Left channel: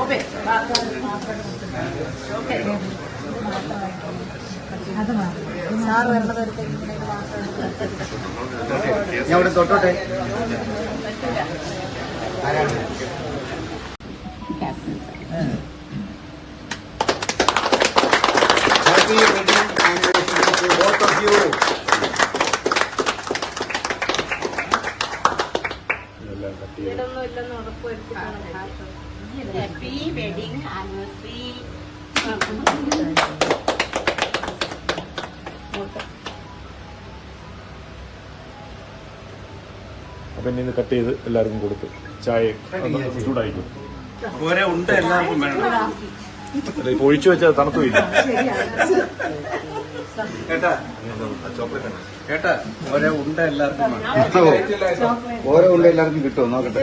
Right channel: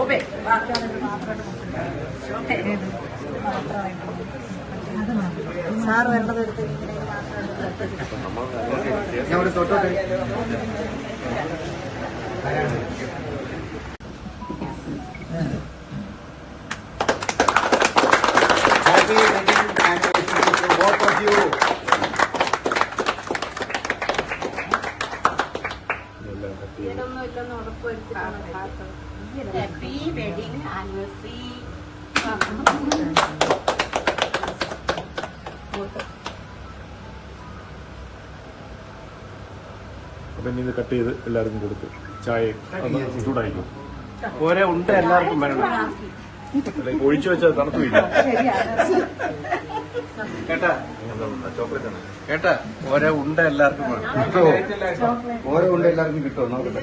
ശോഭ വരണത് ഞാൻ ഇവിടെ തൊട്ടോട്ടെ Happy wedding anniversary both of you. ഇല്ലെന്ന് ഉറപ്പുവരുത്തിട്ടാണ് ഹാപ്പി വെഡിങ് ആനിവേഴ്സറി അപ്പൊ ഇത് കട്ട് ചെയ്ത് എല്ലാവർക്കും കൊടുത്ത് ചായ ചൂടായിരിക്കും ഒരേ ഉണ്ട് എല്ലാവർക്കും വേണം. ഒഴിച്ചു വെച്ചാൽ തണുത്തു കേട്ടാ? കേട്ടാ? ഓരോ ഉണ്ട എല്ലാവർക്കും വേണം. ഓരോ ഉണ്ട എല്ലാവർക്കും കിട്ടുമോ? നോക്കട്ടെ.